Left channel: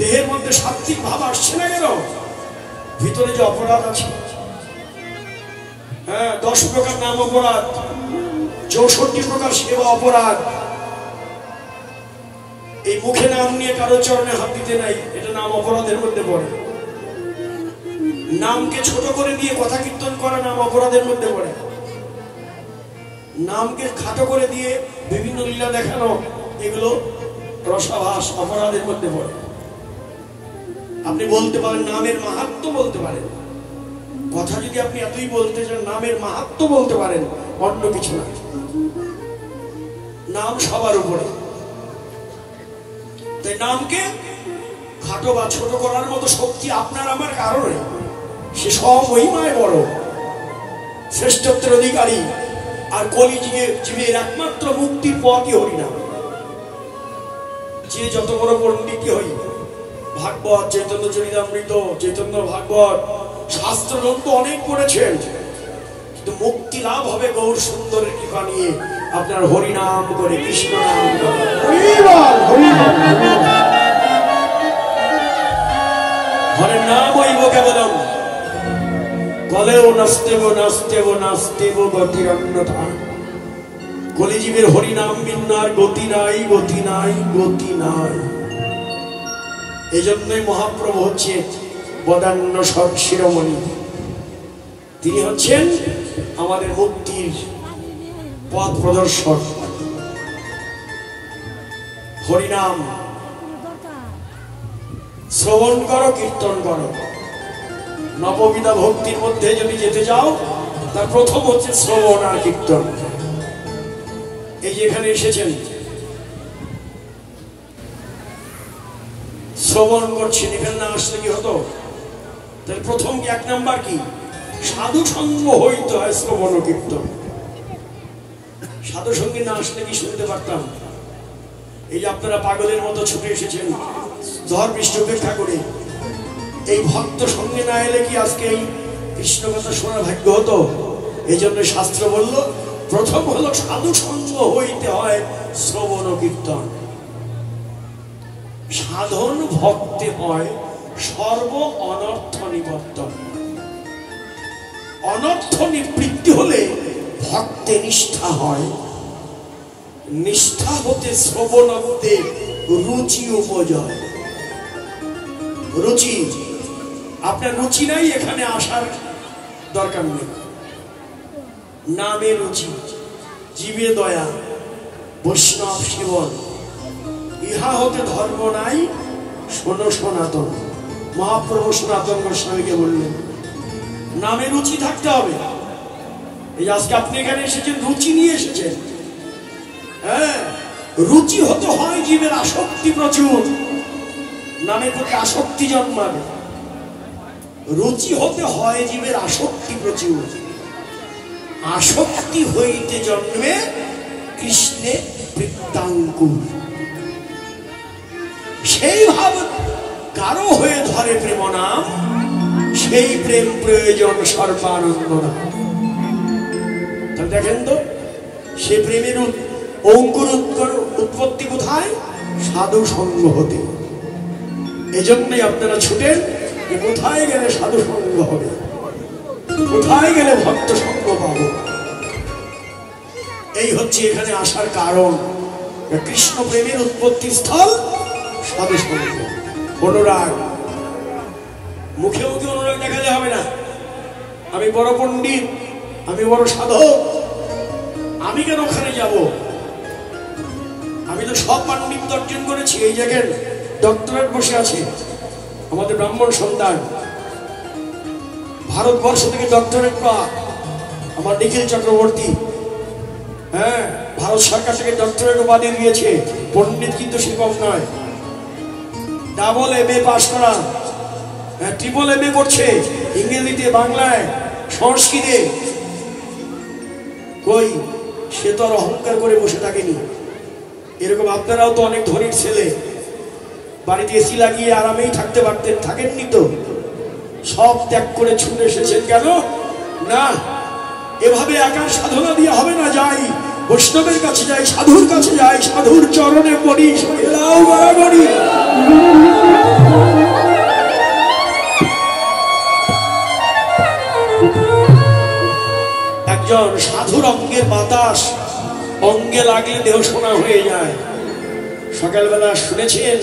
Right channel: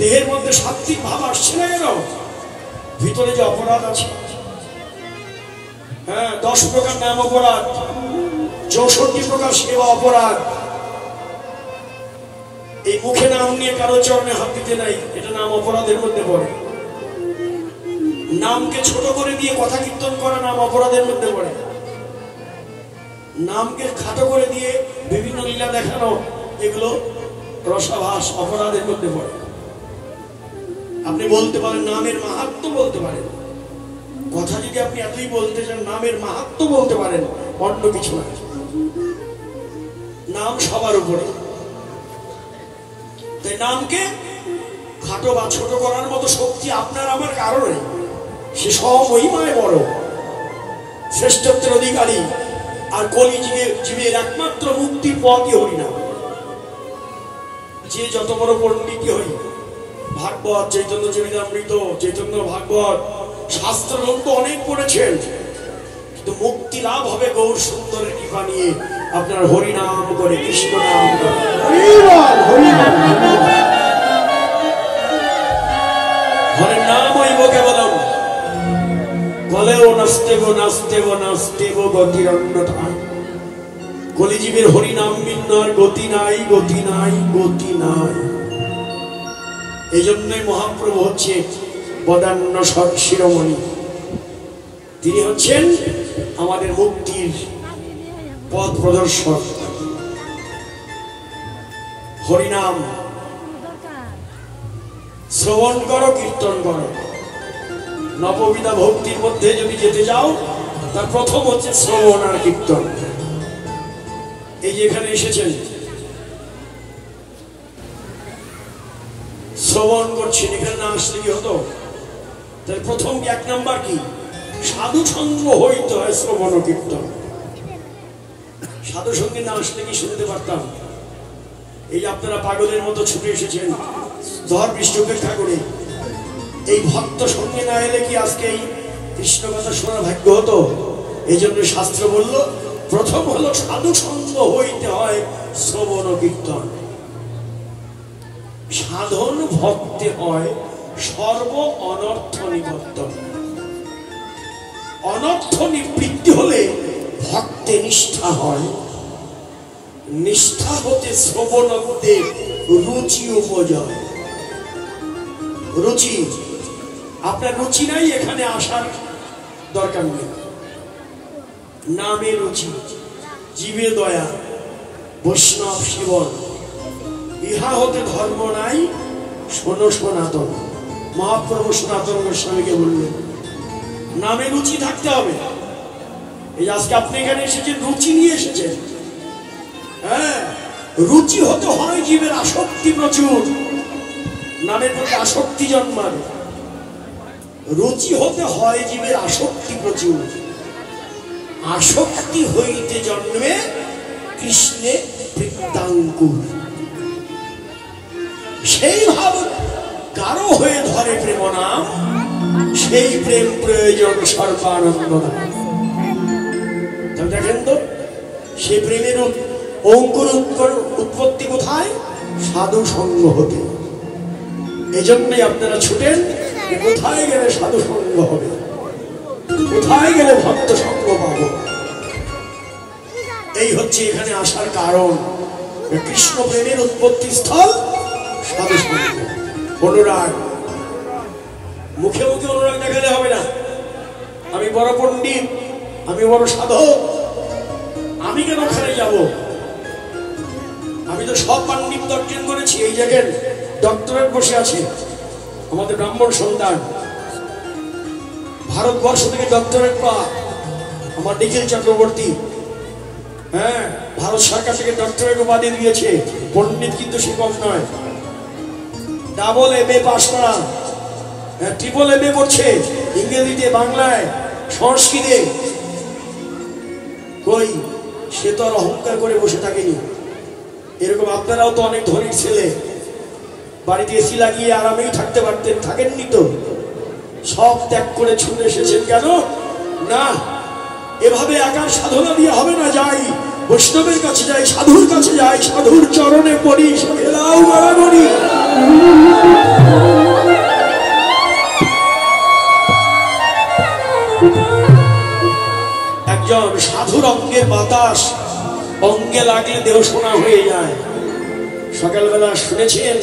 দেহের মধ্যে সাত্বিক ভাব আসছে না কেন? ভিতরে যে অপরাধ আছে, হ্যাঁ, 10 প্রকার নাম অপরাধ, 64 প্রকার সেবা অপরাধ। এই মুখে নাম নিয়ে কারো চরণে হাত দিতে নাই, এটা নাম অপরাধের মধ্যে পড়ে। নামকে ছোট করে দিয়ে কথা কীর্তন করা নাম অপরাধের মধ্যে পড়ে। নামকে খাটো করে দিয়ে বিভিন্ন লীলা দেখানো, এগুলো রসাভাস অপরাধের মধ্যে পড়ে। আপনি বলতে পারেন নামের মাহাত্ম্য, বলতে পারেন কথা, যদি আপনি এতই বলতে চান নামের মাহাত্ম্য বলতে পারেন, অন্য কিছু না। নাম সবার উপরে, তাই নামকে খাটো বা ছোট করার মতো শক্তি আপনার আমার কারণে, সে সমহিমায় বড়, শ্রেষ্ঠত্বের অধিকারী, আর কলিযুগের একমাত্র মুক্তির পথই হরিনাম। যে যত বড় পণ্ডিত হই, ভাগবত, চৈতন্য চরিতামৃত, চৈতন্য ভাগবত, শাস্ত্র গ্রন্থ অনেক পড়েছেন, কিন্তু মুক্তি লাভ হবে গৌর সুন্দরের কৃপা নিয়ে। আপনার হরিনাম করে, কৃষ্ণ নাম করে, হরের নাম হইব কেবলম, বলেও নাস্তেব নাস্তেব নাস্তেব গতিরন্যথা। কলিজীবের হরিনাম বিন্নার গতি নাই, গতি নাই, গতি নাই। এই জন্যই মহাপ্রভু হচ্ছে বদান্য শিরোমণি। তিনি হচ্ছেন আমাদের মুক্তির পথ প্রদর্শক। হরিনাম শ্রবণ করো, কীর্তন করো। নববিধা ভক্তির মধ্যে যদি যেতে যাও, তার প্রথম হচ্ছে শ্রবণ আর কীর্তন। এই যে এখানে এসেছেন, শ্রবণ করছেন, এখানে না আসলে কি হতো? তাহলে প্রথম 1 নাম্বার কি? সাধু সঙ্গ হইতে হয় শ্রবণ ও কীর্তন। সাধু সঙ্গে না আসলে কি শুনতে পারতাম? এই যে আপনারা পাগলের মতো ছুটে এসেছেন ঝড় বৃষ্টি উপেক্ষা করে, এই ভক্ত সঙ্গে না এলে কি আজকে এই কৃষ্ণ কথা শোনার ভাগ্য হতো? এই জন্য শাস্ত্র বলল, প্রথম হলো সাধু সঙ্গ হইতে হয় শ্রবণ ও কীর্তন। সাধন ভক্তে হয় সর্ব অনর্থ নিবর্তন। অনর্থ নিবৃত্তি হলে ভক্তে নিষ্ঠা হয়, নিষ্ঠা হতে শ্রবণত্বে রুচি উপজয়। রুচি, আপনার রুচি নাই, এখানে আসার দরকার নেই। নামে রুচি, জীবে দয়া, বৈষ্ণব সেবন, ইহা হতে ধর্ম নাই, শোনো সনাতন। মহাপ্রভু সনাতন গোস্বামীকে বললেন নামে রুচি থাকতে হবে। এই আজকে আপনি এখানে এসেছেন, রুচি নিয়ে এসেছেন। হ্যাঁ, রুচি হতে হয় জীবের আসক্তি প্রচুর, নামের প্রতি আসক্তি জন্মাবে। রুচি হতে হয় জীবের আসক্তি প্রচুর, আসক্তি হইতে জন্মে কৃষ্ণে বৃত্তাঙ্কুর। সেই ভাব কারো হয়ে ধরে প্রেম নাম, সেই প্রেম প্রয়োজন সর্বানন্দ নাম। দেখেন তো, সে প্রেমের অঙ্কুর উৎপত্তি কোথায়? সাধু সঙ্গ হতে। এজন্যই আপনারা ছুটেন, কোথায় গেলে সাধু সঙ্গ হবে, কোথায় গেলে ভক্ত সঙ্গ পাবো। এই হচ্ছে এখানে আসার কারণ। কৃষ্ণ প্রেমের উৎপত্তি স্থল সাধু সঙ্গ। অনুরাগ, মুখে মুখে অনুরাগ দেখালে হবে না। আমি বড় পণ্ডিত, আমি বড় সাধক, আমি কেন ওখানে যাব? আমি তো সব পাণ্ডিত্য অর্জন করেছি। এই জায়গায় ডক্টরেট বসে আছে আমাদের ব্রাহ্মণ সন্তান, ভারতবর্ষ থেকে ডক্টরেট পাওয়া আমার নিখিল চক্রবর্তী। হ্যাঁ, ভারত সরকার থেকে ডক্টরেট উপাধি দিয়েছে। পণ্ডিত কিন্তু সে কম নয়, ডাবল MA পাস করা, ট্রিপল MA করছে ইংরেজিতে, বাংলায়, সংস্কৃতে। কই, সে তো আর অহংকার করে বসে থাকেনি। এরকম আপনারাও তো অনেক ধনীর ছেলে, বাড়িতে এসি লাগিয়ে আরামেই থাকতে পারতেন, থাকেননি তো? সব ত্যাগ করে ছুটে এসেছেন কেন? না, এভাবে একার সাধনা দিয়ে হবে না। যাই বৈষ্ণবের কাছে, যাই সাধুর কাছে, যাই সাধুর চরণে পড়ি, সব এলাও বরাবরই। কারণ সাধুর অঙ্গের বাতাস অঙ্গে লাগলে দেহ সোনা হয়ে যায়। সকালবেলা শুনেছেন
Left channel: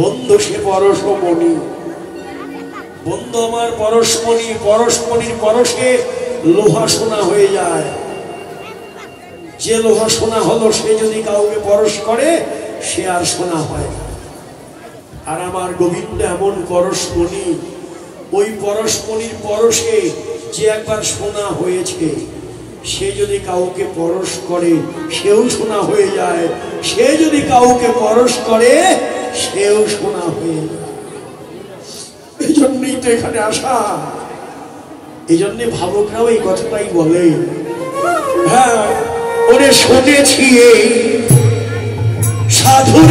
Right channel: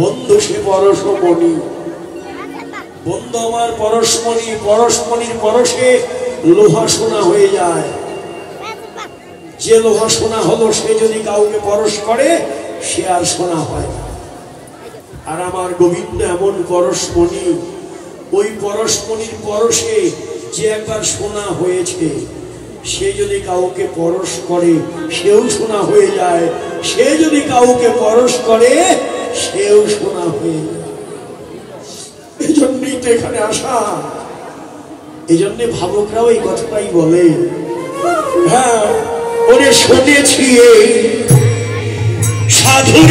বন্ধু সে পরশমণি, বন্ধু আমার পরশমণি, পরশমণির পরশে লোহা সোনা হয়ে যায়। যে লোহা সোনা হলো সে যদি কাউকে পরশ করে সে আর সোনা হয় না। আর আমার গোবিন্দ এমন পরশমণি, ওই পরশমণির পরশে যে একবার সোনা হয়েছে সে যদি কাউকে পরশ করে সেও সোনা হয়ে যায়, সে যদি কাউকে পরশ করে সেও সোনা হয়ে যায়। এই জন্যই তো এখানে আসা, এই জন্য ভাবকরাও এই কথাটাই বলে। হ্যাঁ, ওরে শুনেছি সাধুর